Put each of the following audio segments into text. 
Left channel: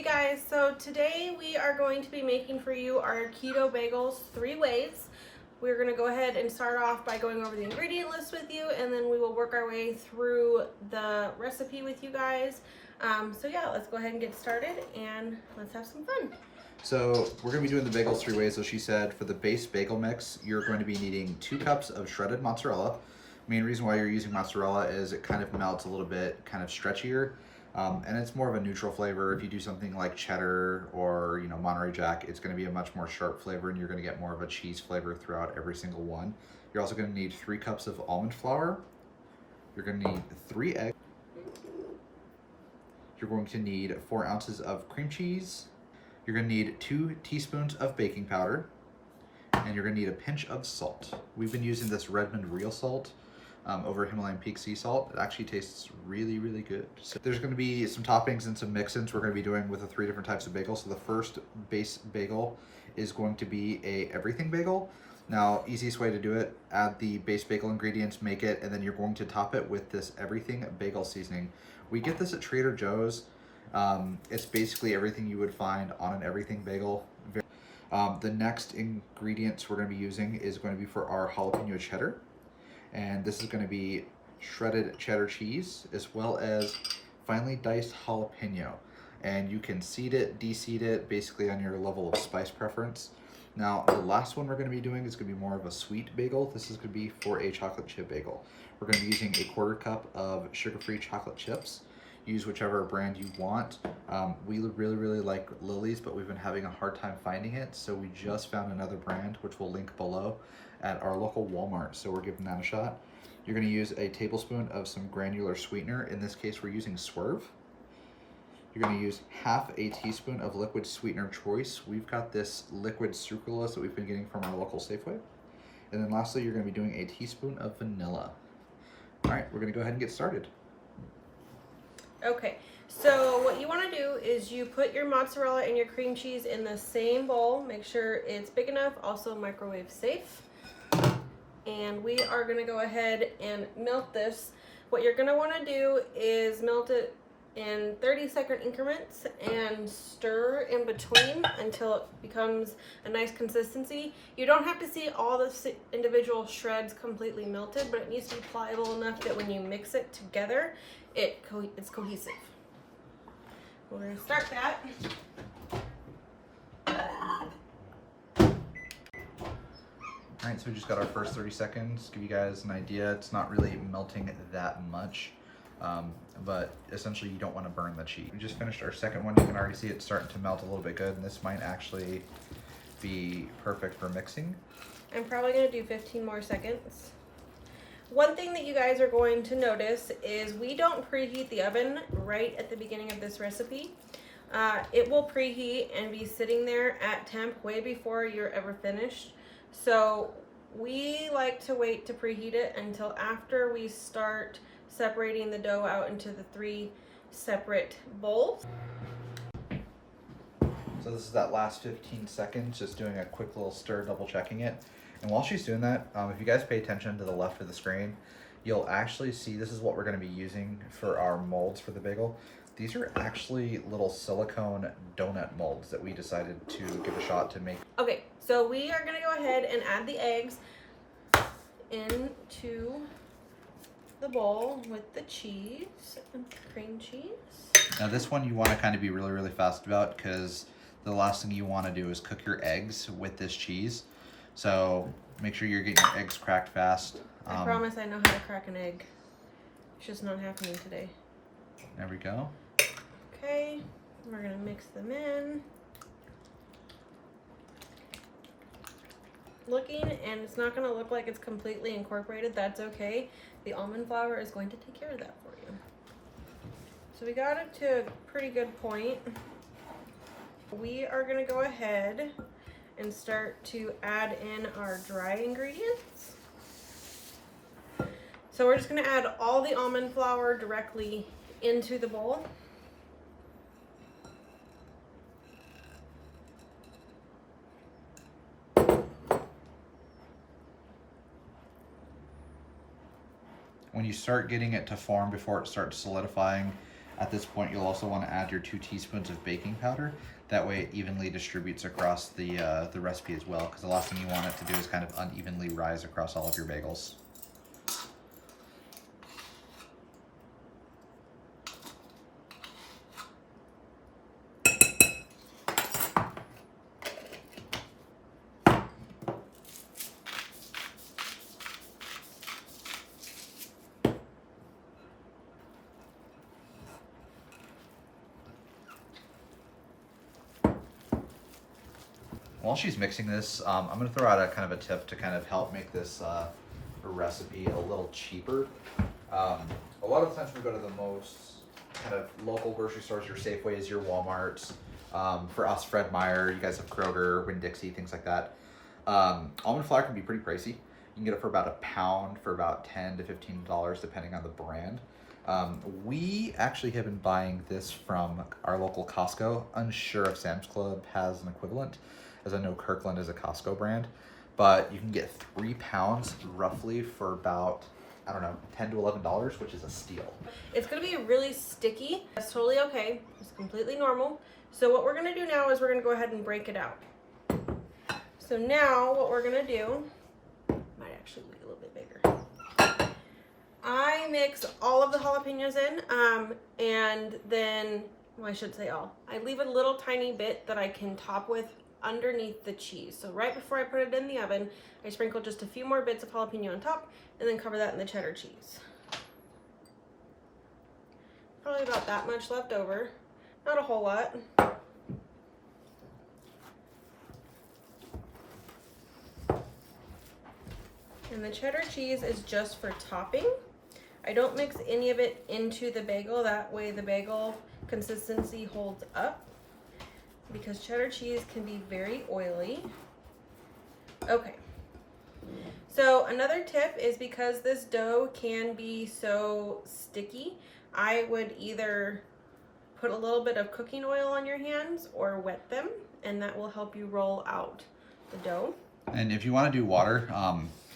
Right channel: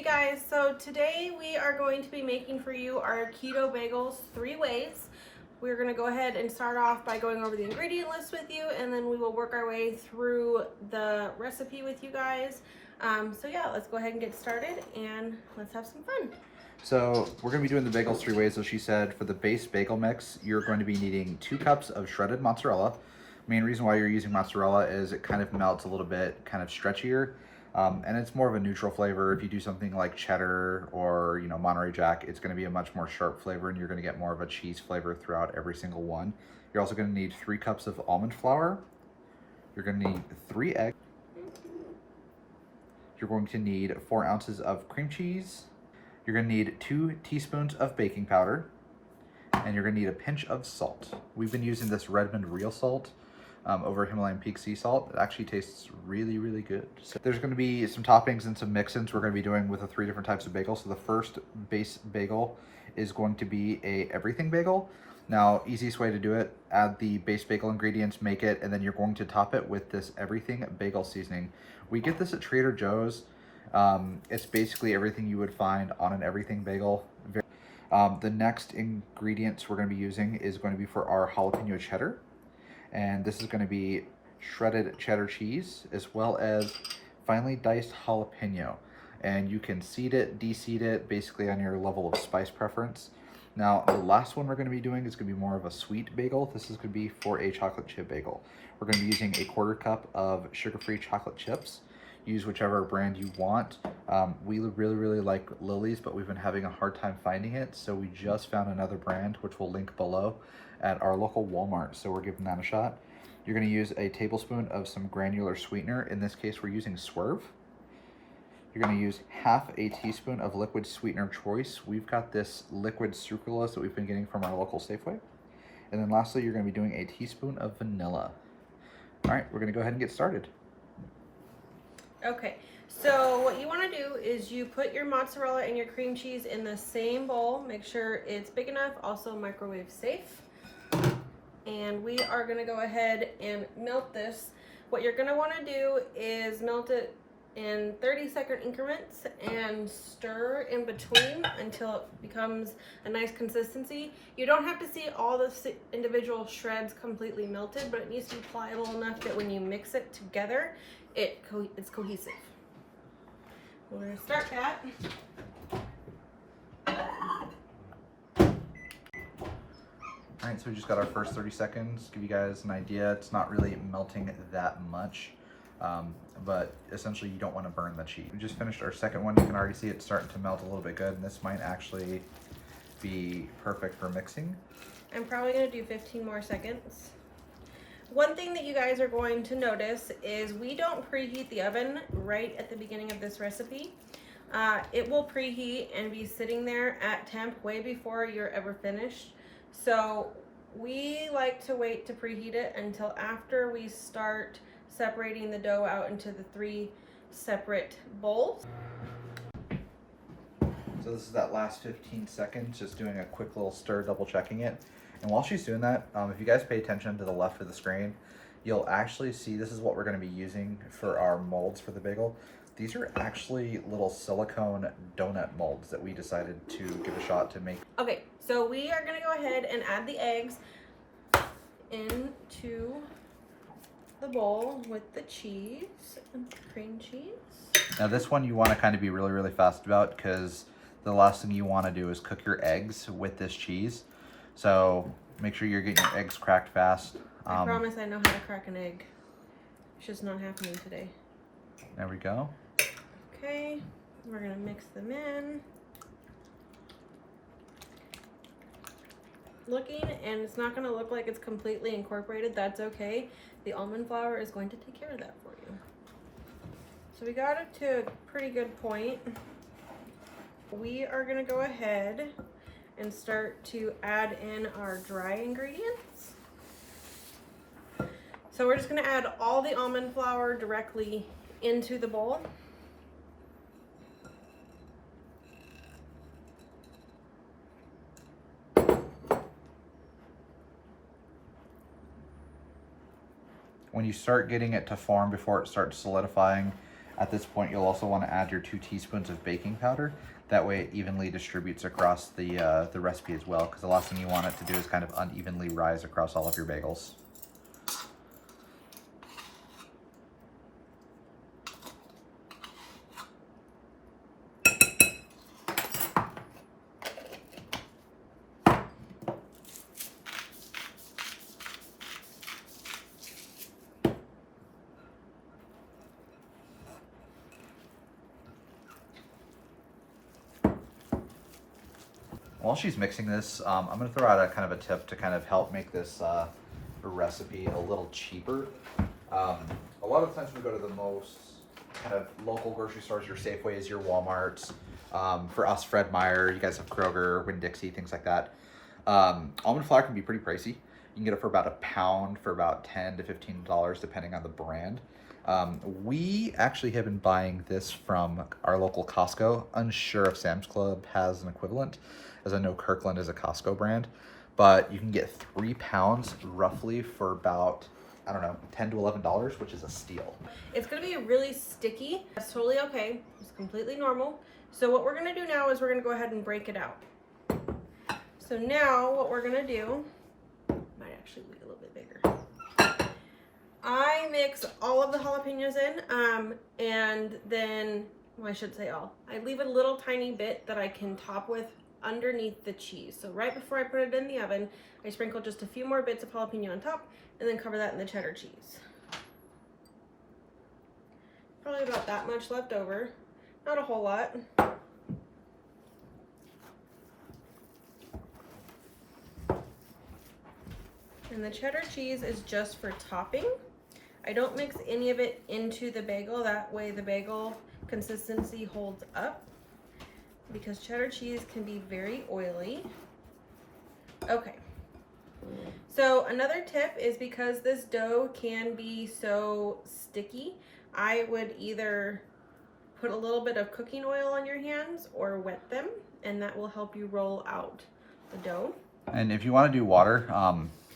Hey guys, so today we are going to be making for you our keto bagels 3 ways. We're going to go ahead and start off by going over the ingredient list with you, and then we will work our way through the recipe with you guys. So yeah, let's go ahead and get started and let's have some fun. So we're going to be doing the bagels 3 ways. So she said for the base bagel mix, you're going to be needing 2 cups of shredded mozzarella. Main reason why you're using mozzarella is it kind of melts a little bit, kind of stretchier, and it's more of a neutral flavor. If you do something like cheddar or Monterey Jack, it's going to be a much more sharp flavor, and you're going to get more of a cheese flavor throughout every single one. You're also going to need 3 cups of almond flour. You're going to need 3 eggs. You're going to need 4 ounces of cream cheese. You're going to need 2 teaspoons of baking powder, and you're going to need a pinch of salt. We've been using this Redmond real salt over Himalayan Peak sea salt. It actually tastes really, really good. So there's going to be some toppings and some mix-ins we're going to be doing with the 3 different types of bagels. So the first base bagel is going to be a everything bagel. Now, easiest way to do it, add the base bagel ingredients, make it, and then you're going to top it with this everything bagel seasoning. We get this at Trader Joe's. It's basically everything you would find on an everything bagel. The next ingredients we're going to be using is going to be for our jalapeno cheddar, and this is going to be shredded cheddar cheese as well as finely diced jalapeno, and you can seed it, de-seed it, basically on your level of spice preference. Now, the last one we're going to be doing is going to be more of a sweet bagel. This is going to be for a chocolate chip bagel. We're going to be using a 1/4 cup of sugar-free chocolate chips. Use whichever brand you want. We really like Lily's, but we've been having a hard time finding it, so we just found another brand, which we'll link below, at our local Walmart, so we're giving that a shot. You're going to use a tablespoon of some granular sweetener. In this case, we're using Swerve. You're going to use half a teaspoon of liquid sweetener choice. We've got this liquid sucralose that we've been getting from our local Safeway. And then lastly, you're going to be doing a teaspoon of vanilla. All right, we're going to go ahead and get started. Okay, so what you want to do is you put your mozzarella and your cream cheese in the same bowl. Make sure it's big enough, also microwave safe. And we are going to go ahead and melt this. What you're going to want to do is melt it in 30-second increments and stir in between until it becomes a nice consistency. You don't have to see all the individual shreds completely melted, but it needs to be pliable enough that when you mix it together, it's cohesive. We're going to start that. All right, so we just got our first 30 seconds. Give you guys an idea, it's not really melting that much, but essentially you don't want to burn the cheese. We just finished our second one. You can already see it starting to melt a little bit good, and this might actually be perfect for mixing. I'm probably going to do 15 more seconds. One thing that you guys are going to notice is we don't preheat the oven right at the beginning of this recipe. It will preheat and be sitting there at temp way before you're ever finished. So we like to wait to preheat it until after we start separating the dough out into the 3 separate bowls. So this is that last 15 seconds, just doing a quick little stir, double checking it. And while she's doing that, if you guys pay attention to the left of the screen, you'll actually see this is what we're going to be using for our molds for the bagel. These are actually little silicone donut molds that we decided to give a shot to make. Okay, so we are going to go ahead and add the eggs into the bowl with the cheese and cream cheese. Now this one you want to kind of be really fast about, because the last thing you want to do is cook your eggs with this cheese. So make sure you're getting your eggs cracked fast. I promise I know how to crack an egg. It's just not happening today. There we go. Okay, we're gonna mix them in. Looking, and it's not gonna look like it's completely incorporated. That's okay. The almond flour is going to take care of that for you. So we got it to a pretty good point. We are gonna go ahead and start to add in our dry ingredients. So we're just gonna add all the almond flour directly into the bowl. When you start getting it to form before it starts solidifying, At this point, you'll also want to add your 2 teaspoons of baking powder. That way it evenly distributes across the recipe as well, because the last thing you want it to do is kind of unevenly rise across all of your bagels. While she's mixing this, I'm going to throw out a kind of a tip to kind of help make this recipe a little cheaper. A lot of times we go to the most kind of local grocery stores, your Safeways, your Walmarts. For us, Fred Meyer, you guys have Kroger, Winn-Dixie, things like that. Almond flour can be pretty pricey. You can get it for about a pound for about $10 to $15 depending on the brand. We actually have been buying this from our local Costco. Unsure if Sam's Club has an equivalent, as I know Kirkland is a Costco brand, but you can get 3 pounds roughly for about, I don't know, $10 to $11, which is a steal. It's gonna be really sticky. That's totally okay. It's completely normal. So what we're gonna do now is we're gonna go ahead and break it out. So now what we're gonna do, might actually be a little bit bigger. I mix all of the jalapenos in, and then, well, I should say all. I leave a little tiny bit that I can top with underneath the cheese. So right before I put it in the oven, I sprinkle just a few more bits of jalapeno on top and then cover that in the cheddar cheese. Probably about that much left over. Not a whole lot. And the cheddar cheese is just for topping. I don't mix any of it into the bagel. That way the bagel consistency holds up, because cheddar cheese can be very oily. Okay. So another tip is, because this dough can be so sticky, I would either put a little bit of cooking oil on your hands or wet them, and that will help you roll out the dough. And if you want to do water,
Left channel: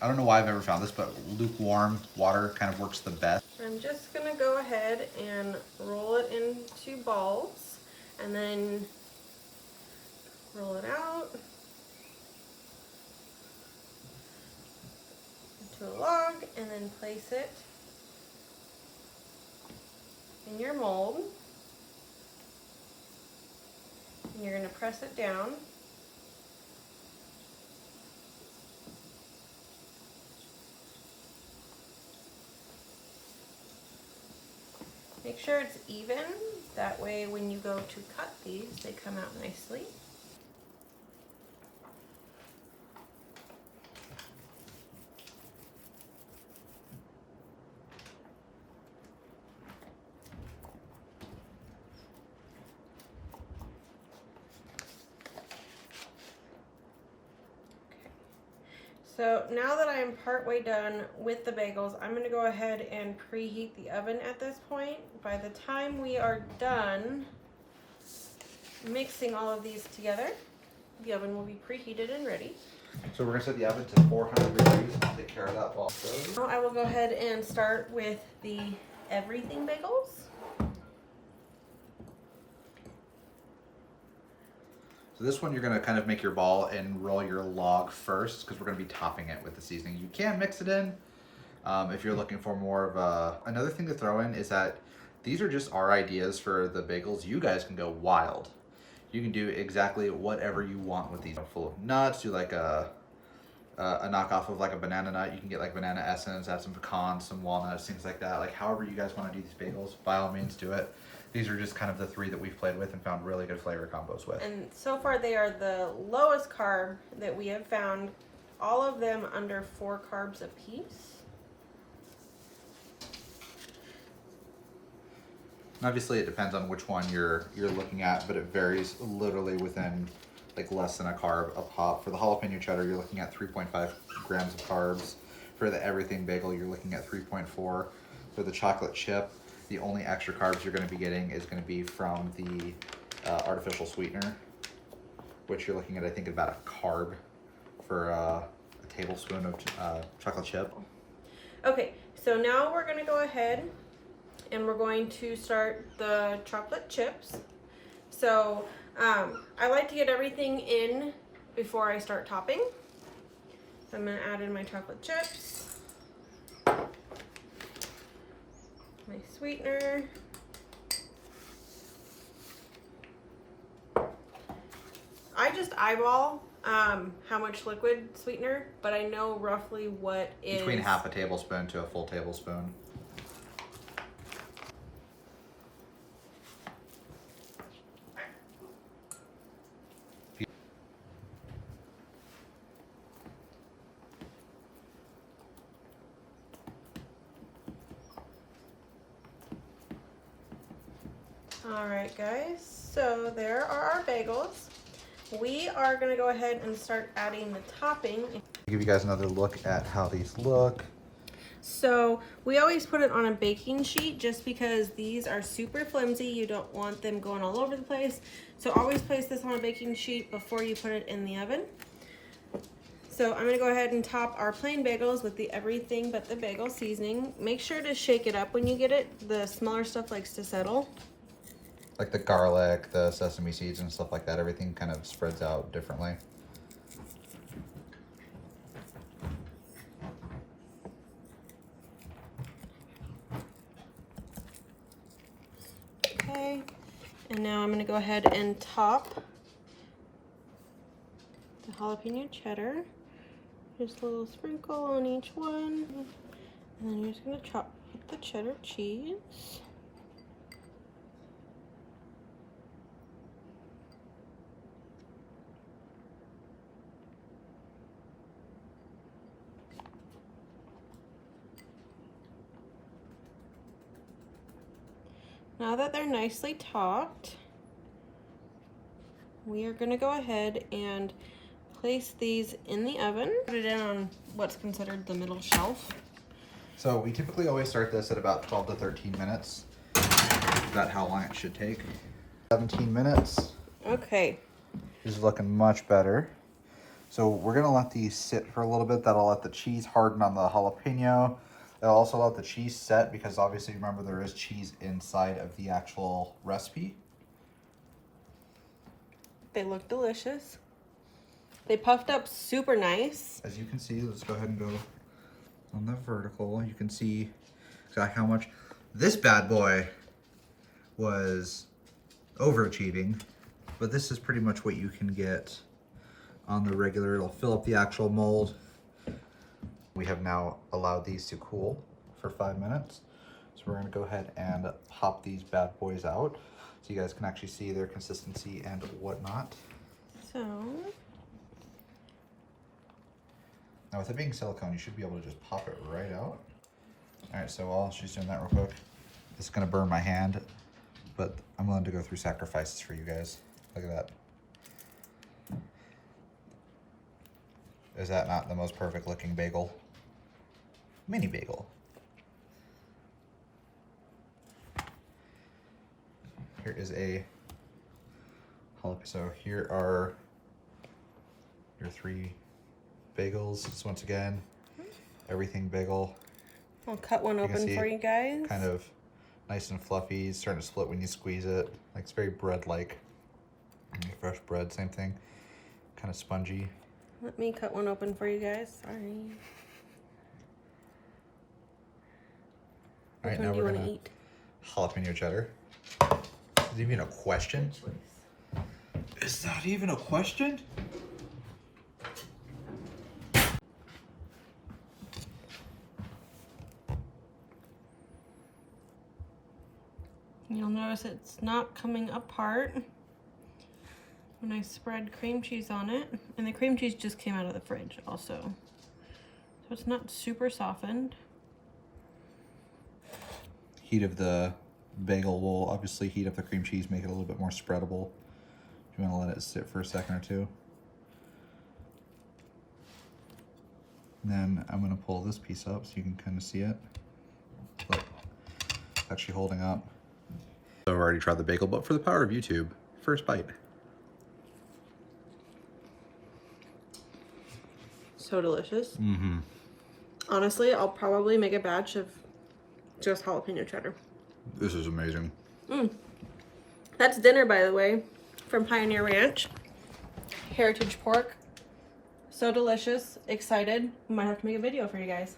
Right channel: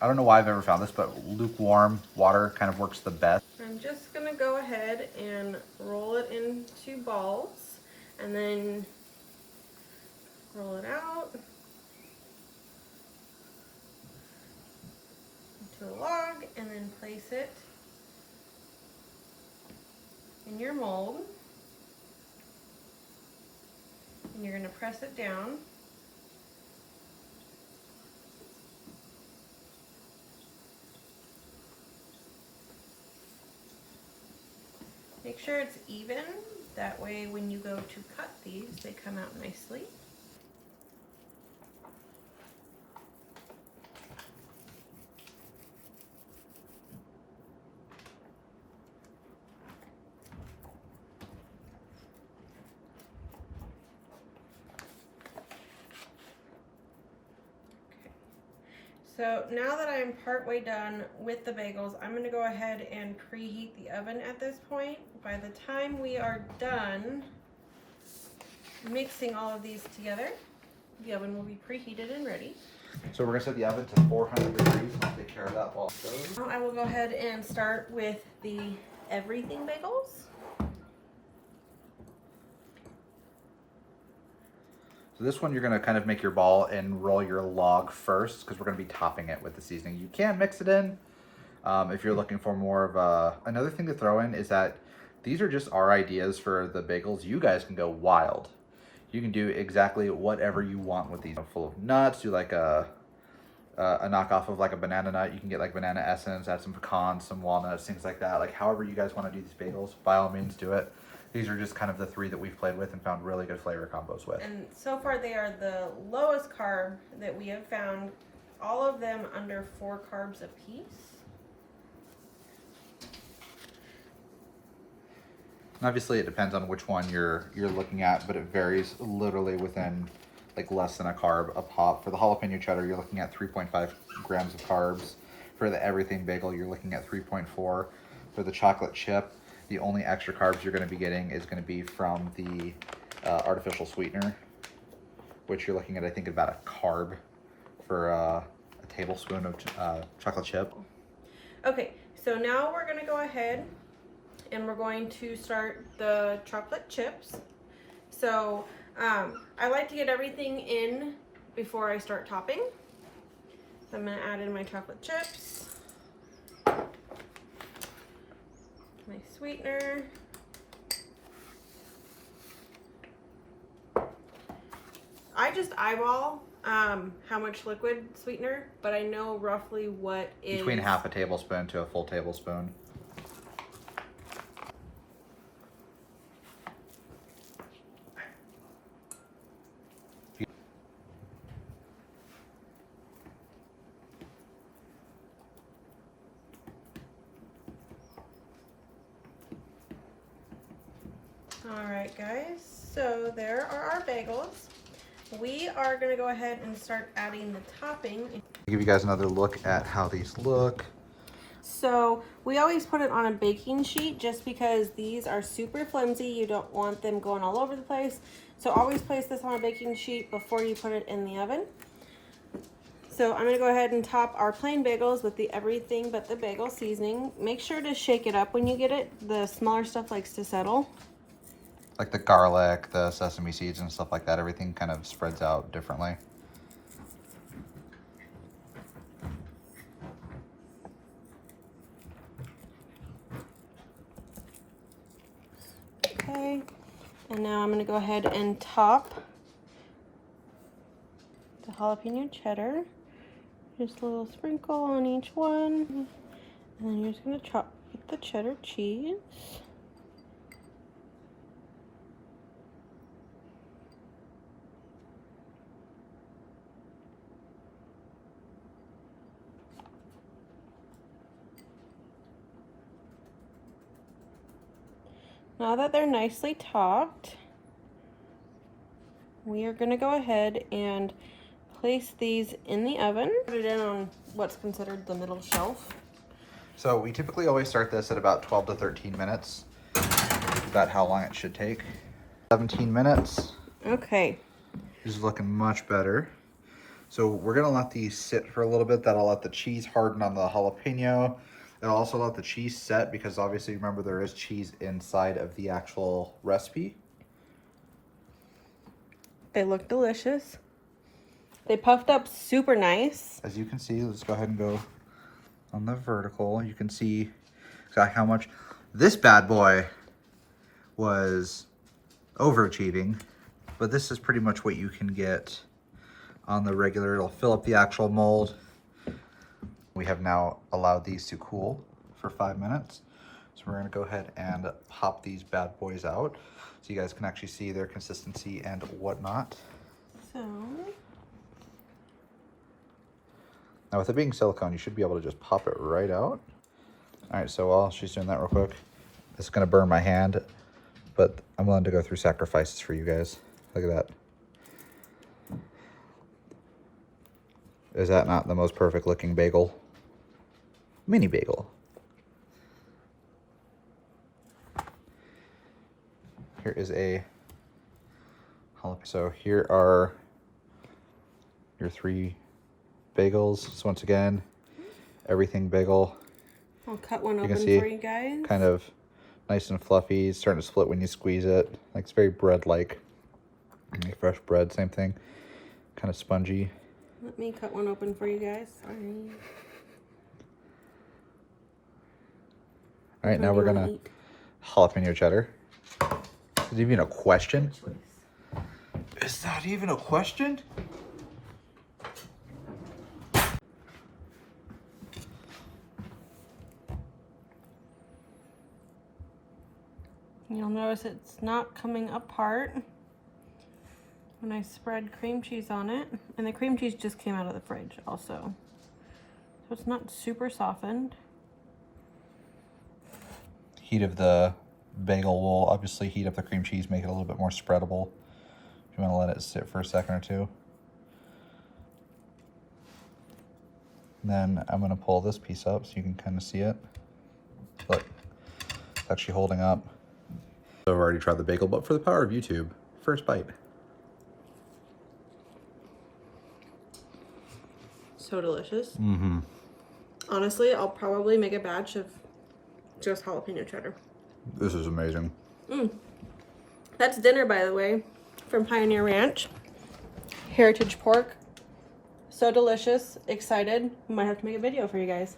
I don't know why I've ever found this, but lukewarm water kind of works the best. I'm just gonna go ahead and roll it into balls and then roll it out into a log and then place it in your mold. And you're gonna press it down. Make sure it's even, that way when you go to cut these, they come out nicely. So now that I am partway done with the bagels, I'm going to go ahead and preheat the oven at this point. By the time we are done mixing all of these together, the oven will be preheated and ready. So we're going to set the oven to 400 degrees and take care of that while it goes. Now I will go ahead and start with the everything bagels. So this one you're going to kind of make your ball and roll your log first, because we're going to be topping it with the seasoning. You can mix it in if you're looking for more of a... Another thing to throw in is that these are just our ideas for the bagels. You guys can go wild. You can do exactly whatever you want with these. Full of nuts, do like a knockoff of like a banana nut. You can get like banana essence, add some pecans, some walnuts, things like that. Like however you guys want to do these bagels, by all means do it. These are just kind of the 3 that we've played with and found really good flavor combos with. And so far they are the lowest carb that we have found. All of them under 4 carbs a piece. Obviously it depends on which one you're looking at, but it varies literally within like less than a carb a pop. For the jalapeno cheddar, you're looking at 3.5 grams of carbs. For the everything bagel, you're looking at 3.4. For the chocolate chip, the only extra carbs you're going to be getting is going to be from the artificial sweetener, which you're looking at, I think, about a carb for a tablespoon of chocolate chip. Okay, so now we're going to go ahead and we're going to start the chocolate chips. So I like to get everything in before I start topping. So I'm gonna add in my chocolate chips, my sweetener, I just eyeball how much liquid sweetener, but I know roughly what is between half a tablespoon to a full tablespoon. All right, guys, so there are our bagels. We are gonna go ahead and start adding the topping. I'll give you guys another look at how these look. So we always put it on a baking sheet just because these are super flimsy. You don't want them going all over the place. So always place this on a baking sheet before you put it in the oven. So I'm gonna go ahead and top our plain bagels with the everything but the bagel seasoning. Make sure to shake it up when you get it. The smaller stuff likes to settle. Like the garlic, the sesame seeds and stuff like that, everything kind of spreads out differently. Okay, and now I'm gonna go ahead and top the jalapeno cheddar. Just a little sprinkle on each one. And then you're just gonna chop with the cheddar cheese. Now that they're nicely topped, we are gonna go ahead and place these in the oven. Put it in on what's considered the middle shelf. So we typically always start this at about 12 to 13 minutes. About how long it should take. 17 minutes. Okay. This is looking much better. So we're gonna let these sit for a little bit. That'll let the cheese harden on the jalapeno. It'll also let the cheese set because obviously remember there is cheese inside of the actual recipe. They look delicious. They puffed up super nice. As you can see, let's go ahead and go on the vertical. You can see exactly how much this bad boy was overachieving, but this is pretty much what you can get on the regular. It'll fill up the actual mold. We have now allowed these to cool for 5 minutes. So we're gonna go ahead and pop these bad boys out so you guys can actually see their consistency and whatnot. So, now with it being silicone, you should be able to just pop it right out. All right, so while she's doing that real quick, it's gonna burn my hand, but I'm willing to go through sacrifices for you guys. Look at that. Is that not the most perfect looking bagel? Mini bagel. Here is a jalapeno. So here are your 3 bagels. So once again, everything bagel. I'll cut one open for you guys. Kind of nice and fluffy. It's starting to split when you squeeze it. Like it's very bread-like. Like fresh bread, same thing. Kind of spongy. Let me cut one open for you guys. Sorry. All right, now we're gonna eat jalapeno cheddar. Is that even a question? Is that even a question? You'll notice it's not coming apart when I spread cream cheese on it. And the cream cheese just came out of the fridge also. So it's not super softened. Heat of the bagel will obviously heat up the cream cheese, make it a little bit more spreadable. If you want to let it sit for a second or two. And then I'm going to pull this piece up so you can kind of see it. Look, it's actually holding up. So I've already tried the bagel, but for the power of YouTube, first bite. So delicious. Mm-hmm. Honestly, I'll probably make a batch of just jalapeno cheddar. This is amazing. That's dinner, by the way, from Pioneer Ranch. Heritage pork. So delicious. Excited. Might have to make a video for you guys.